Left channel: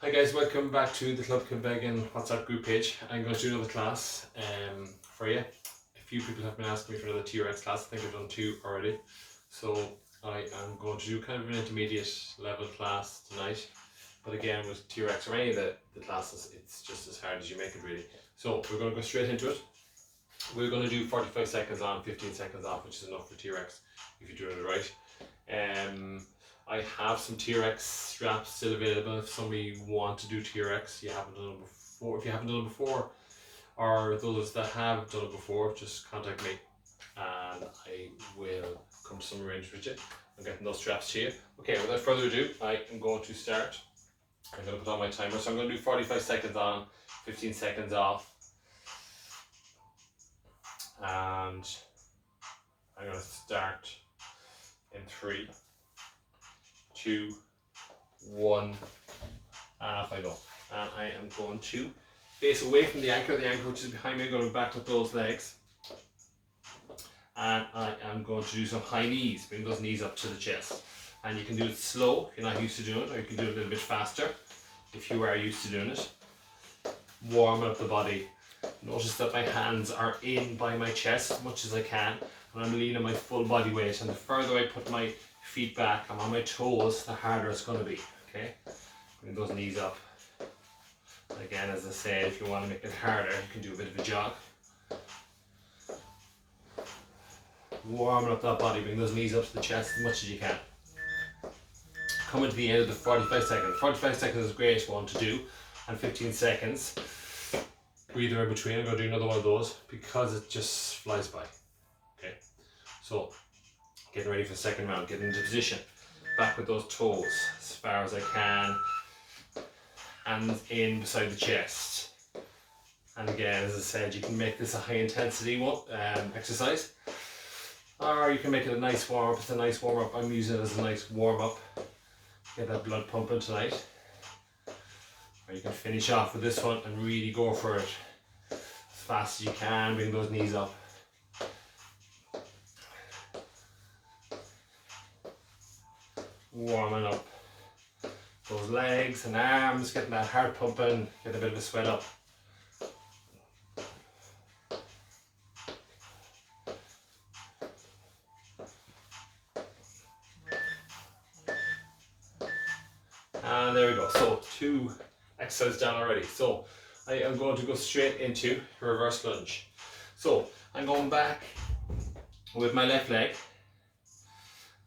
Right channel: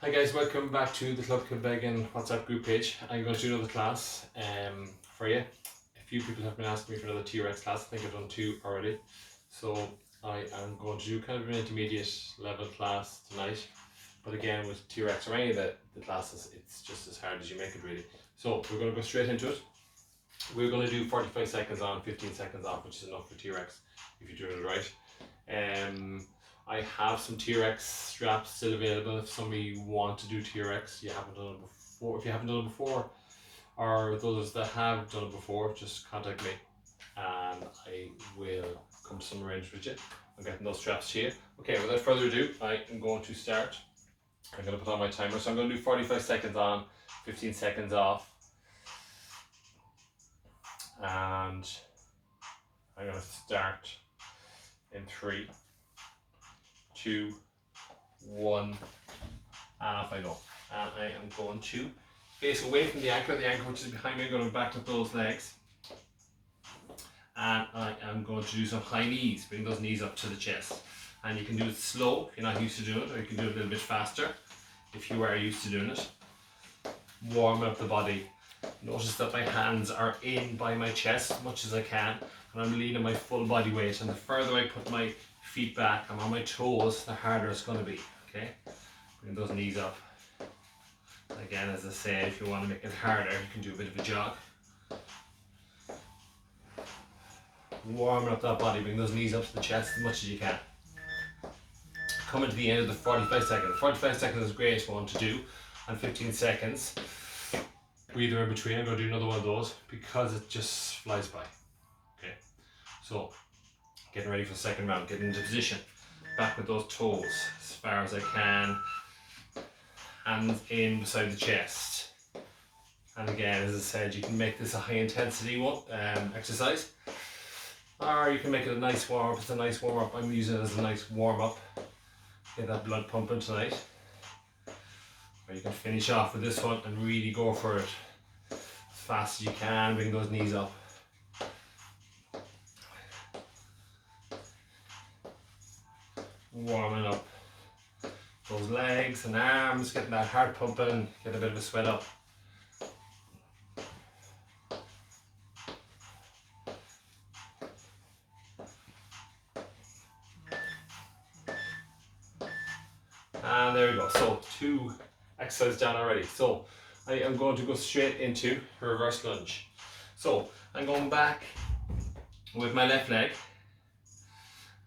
Hi guys, welcome back to the Club Kilbegan WhatsApp group page. I'm going to do another class for you. A few people have been asking me for another TRX class. I think I've done two already. So I am going to do kind of an intermediate level class tonight. But again, with TRX or any of the classes, it's just as hard as you make it really. So we're going to go straight into it. We're going to do 45 seconds on, 15 seconds off, which is enough for TRX if you're doing it right. I have some TRX straps still available if somebody want to do TRX. You haven't done it before. If you haven't done it before, or those that have done it before, just contact me and I will come to some arrangement with you. I'm getting those straps to you. Okay, without further ado, I am going to start. I'm going to put on my timer. So I'm going to do 45 seconds on, 15 seconds off. And I'm going to start in 3, 2, 1, and off I go. And I am going to face away from the anchor which is behind me. I'm going to back up those legs. And I am going to do some high knees, bring those knees up to the chest. And you can do it slow if you're not used to doing it, or you can do it a little bit faster if you are used to doing it. Warm up the body. Notice that my hands are in by my chest as much as I can, and I'm leaning my full body weight, and the further I put my feet back, I'm on my toes, the harder it's going to be. Okay, bring those knees up. Again, as I say, if you want to make it harder, you can do a bit of a jog. Warming up that body, bring those knees up to the chest as much as you can. Coming to the end of the 45 seconds. 45 seconds is a great one to do, and 15 seconds. Breather in between. I'm going to do another one of those because it just flies by. Okay, so getting ready for the second round. Get into position. Back with those toes as far as I can. Hands in beside the chest. And again, as I said, you can make this a high intensity one, exercise, or you can make it a nice warm up. It's a nice warm up. I'm using it as a nice warm up. Get that blood pumping tonight. Or you can finish off with this one and really go for it as fast as you can. Bring those knees up. Warming up those legs and arms, getting that heart pumping, get a bit of a sweat up. And there we go. So 2 exercises down already. So I am going to go straight into reverse lunge. So I'm going back with my left leg,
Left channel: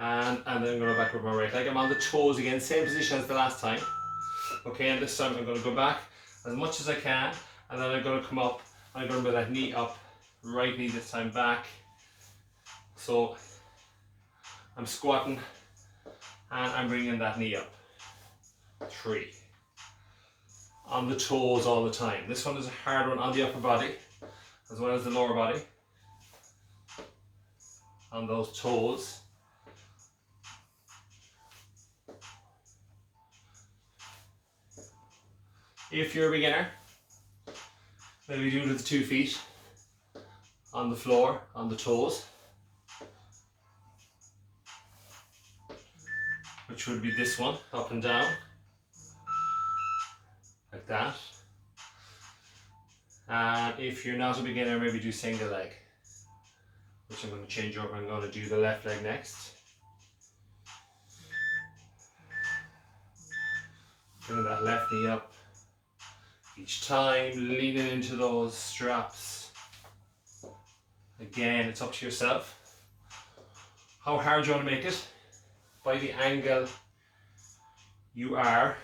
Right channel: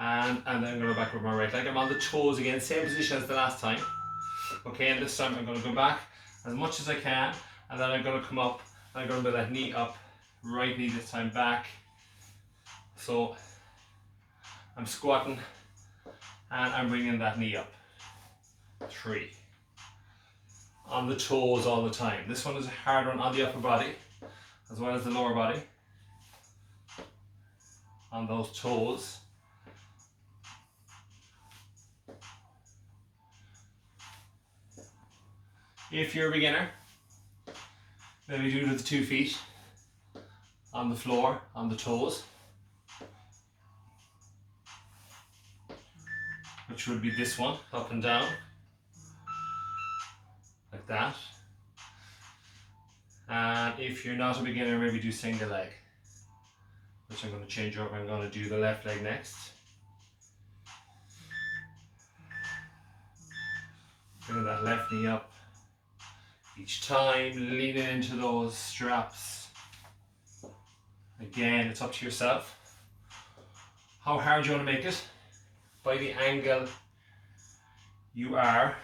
and then I'm going to go back with my right leg. I'm on the toes again, same position as the last time. Okay, and this time I'm going to go back as much as I can, and then I'm going to come up. I'm going to bring that knee up, right knee this time back. So I'm squatting and I'm bringing that knee up. 3. On the toes all the time. This one is a hard one on the upper body as well as the lower body. On those toes. If you're a beginner, maybe do it with the 2 feet on the floor, on the toes, which would be this one, up and down, like that. And if you're not a beginner, maybe do single leg, which I'm going to change over. I'm going to do the left leg next. Bring that left knee up. Each time, leaning into those straps. Again, it's up to yourself. How hard you want to make it? By the angle you are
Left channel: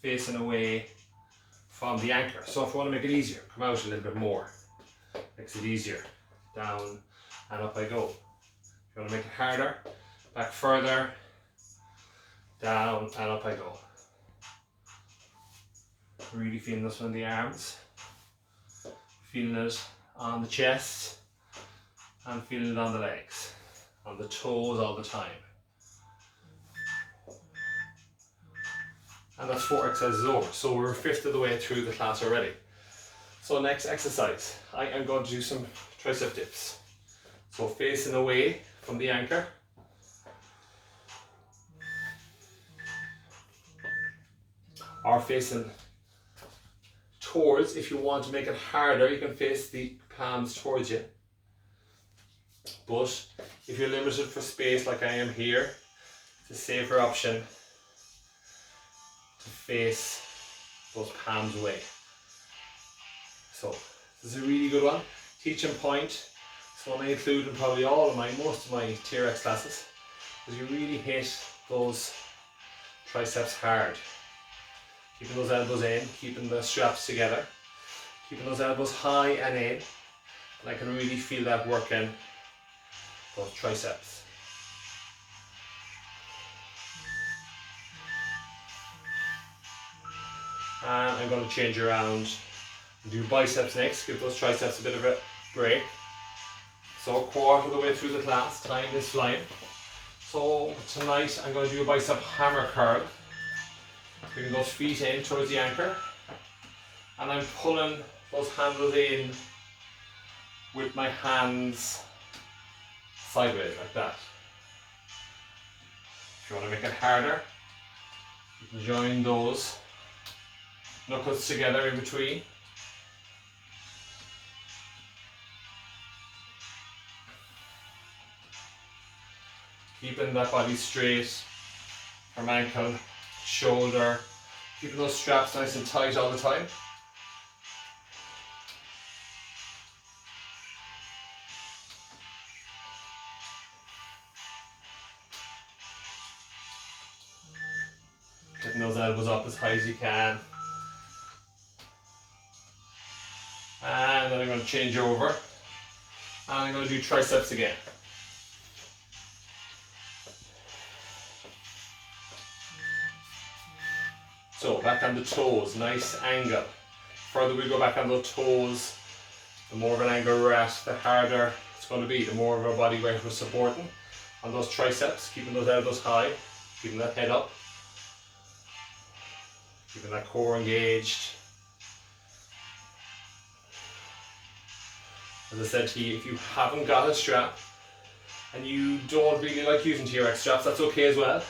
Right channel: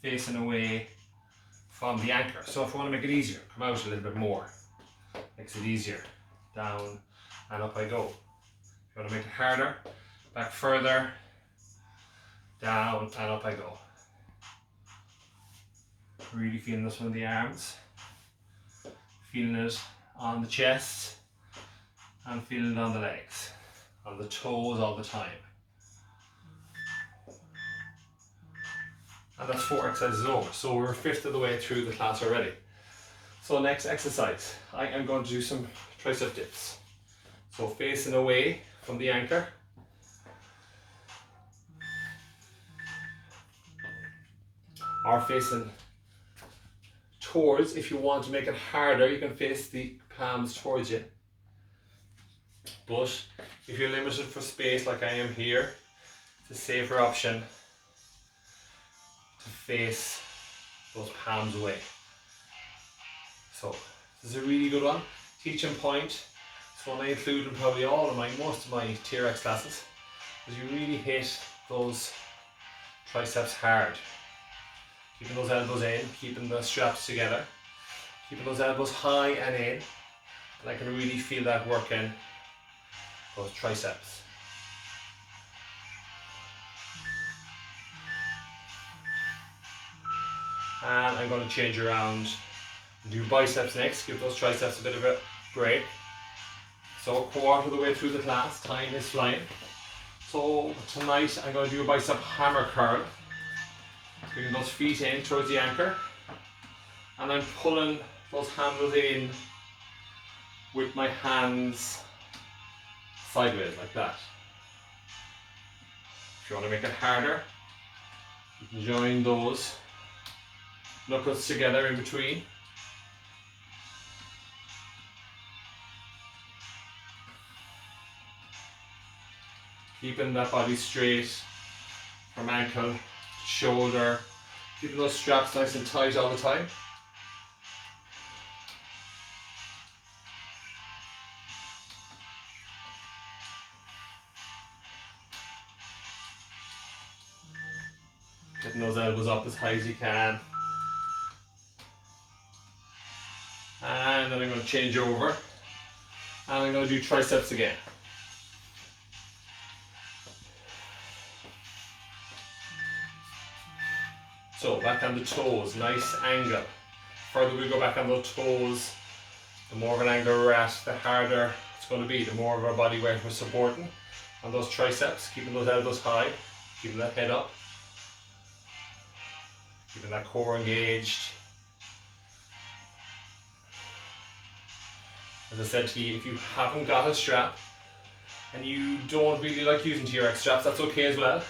facing away from the anchor. So if you want to make it easier, come out a little bit more. Makes it easier. Down and up I go. If you want to make it harder, back further. Down and up I go. Really feeling this one in the arms, feeling it on the chest, and feeling it on the legs, on the toes all the time. And that's 4 exercises over. So we're 1/5 of the way through the class already. So next exercise, I am going to do some tricep dips. So facing away from the anchor. or facing towards. If you want to make it harder, you can face the palms towards you. But if you're limited for space like I am here, it's a safer option to face those palms away. So this is a really good one. Teaching point. It's one I include in probably most of my TRX classes. Because you really hit those triceps hard. Keeping those elbows in, keeping the straps together, keeping those elbows high and in. And I can really feel that working those triceps. And I'm going to change around and do biceps next, give those triceps a bit of a break. So a quarter of the way through the class, time is flying. So tonight I'm going to do a bicep hammer curl. Bring those feet in towards the anchor. And I'm pulling those handles in with my hands sideways like that. If you want to make it harder, you can join those knuckles together in between. Keeping that body straight from ankle, shoulder, keeping those straps nice and tight all the time. Getting those elbows up as high as you can. And then I'm going to change over. And I'm going to do triceps again. So back on the toes, nice angle. Further we go back on those toes, the more of an angle we're at, the harder it's going to be, the more of our body weight we're supporting on those triceps, keeping those elbows high, keeping that head up, keeping that core engaged. As I said to you, if you haven't got a strap and you don't really like using TRX straps, that's okay as well.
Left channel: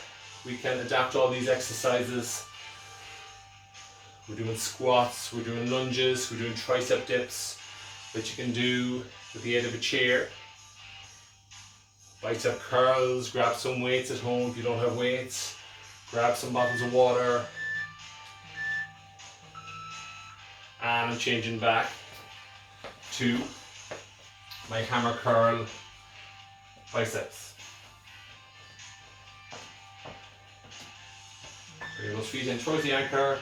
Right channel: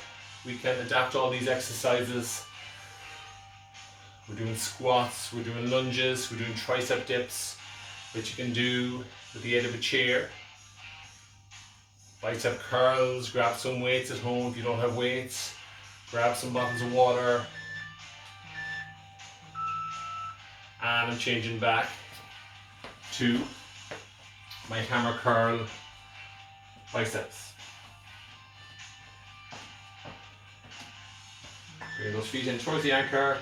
We can adapt all these exercises. We're doing squats, we're doing lunges, we're doing tricep dips, which you can do with the aid of a chair. Bicep curls, grab some weights at home if you don't have weights. Grab some bottles of water. And I'm changing back to my hammer curl biceps. Bring those feet in towards the anchor.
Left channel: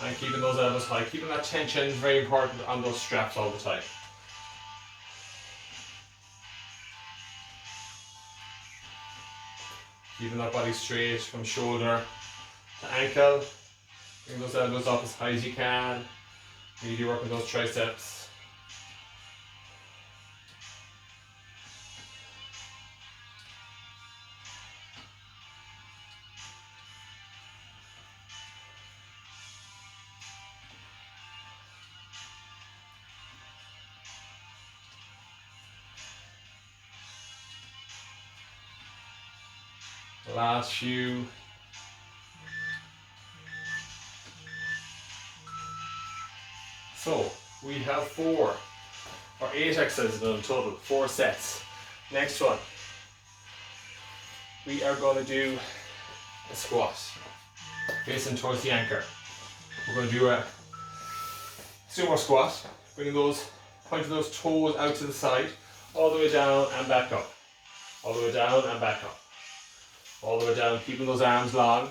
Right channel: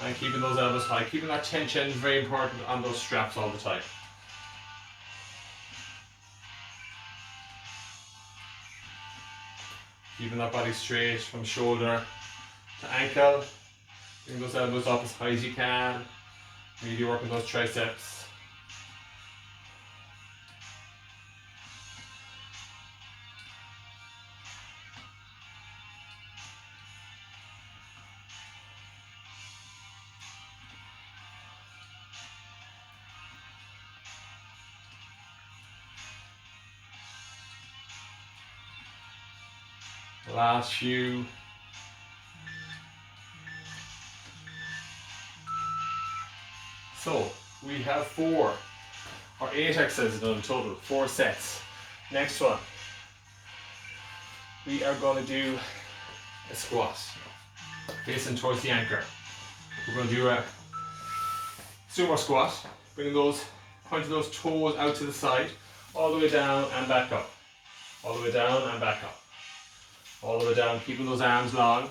And keeping those elbows high, keeping that tension is very important on those straps all the time. Keeping that body straight from shoulder to ankle. Bring those elbows up as high as you can. Really working those triceps. Last few. So we have 4 or 8 exercises in total, 4 sets. Next one, we are going to do a squat facing towards the anchor. We're going to do a sumo squat, bringing those, pointing those toes out to the side, all the way down and back up, all the way down and back up. All the way down, keeping those arms long.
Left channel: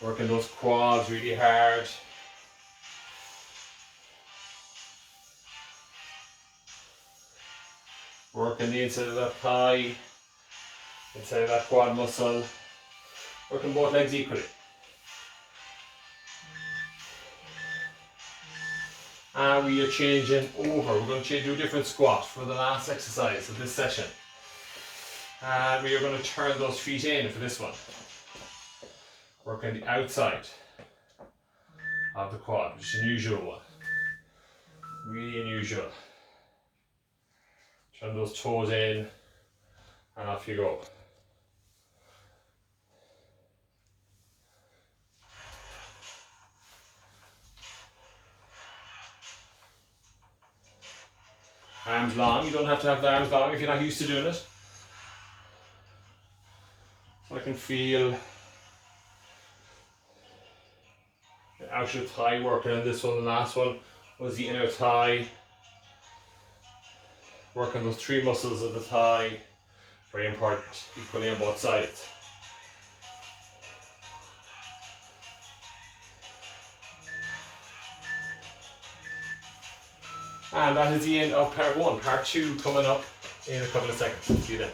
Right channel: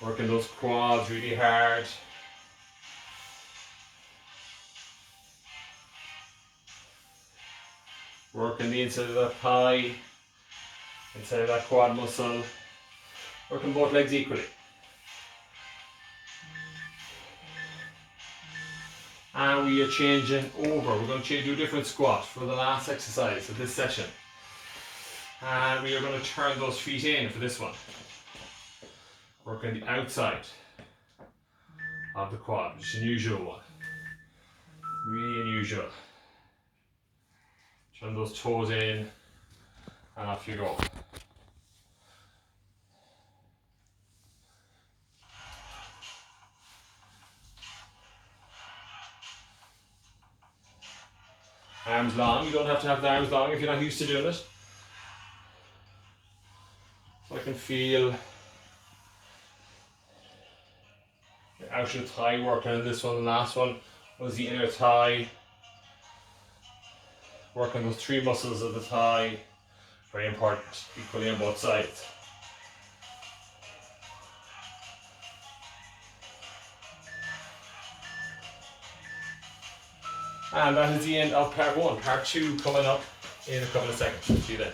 Working those quads really hard. Working the inside of that thigh, inside of that quad muscle. Working both legs equally. And we are changing over. We're going to do a different squat for the last exercise of this session. And we are going to turn those feet in for this one. Working the outside of the quad, which is an unusual one. Really unusual. Turn those toes in and off you go. Arms long, you don't have to have the arms long if you're not used to doing it. So I can feel the outer thigh working on this one. The last one was the inner thigh. Working those three muscles of the thigh. Very important, equally on both sides. And that is the end of part one. Part two coming up in a couple of seconds. See you then.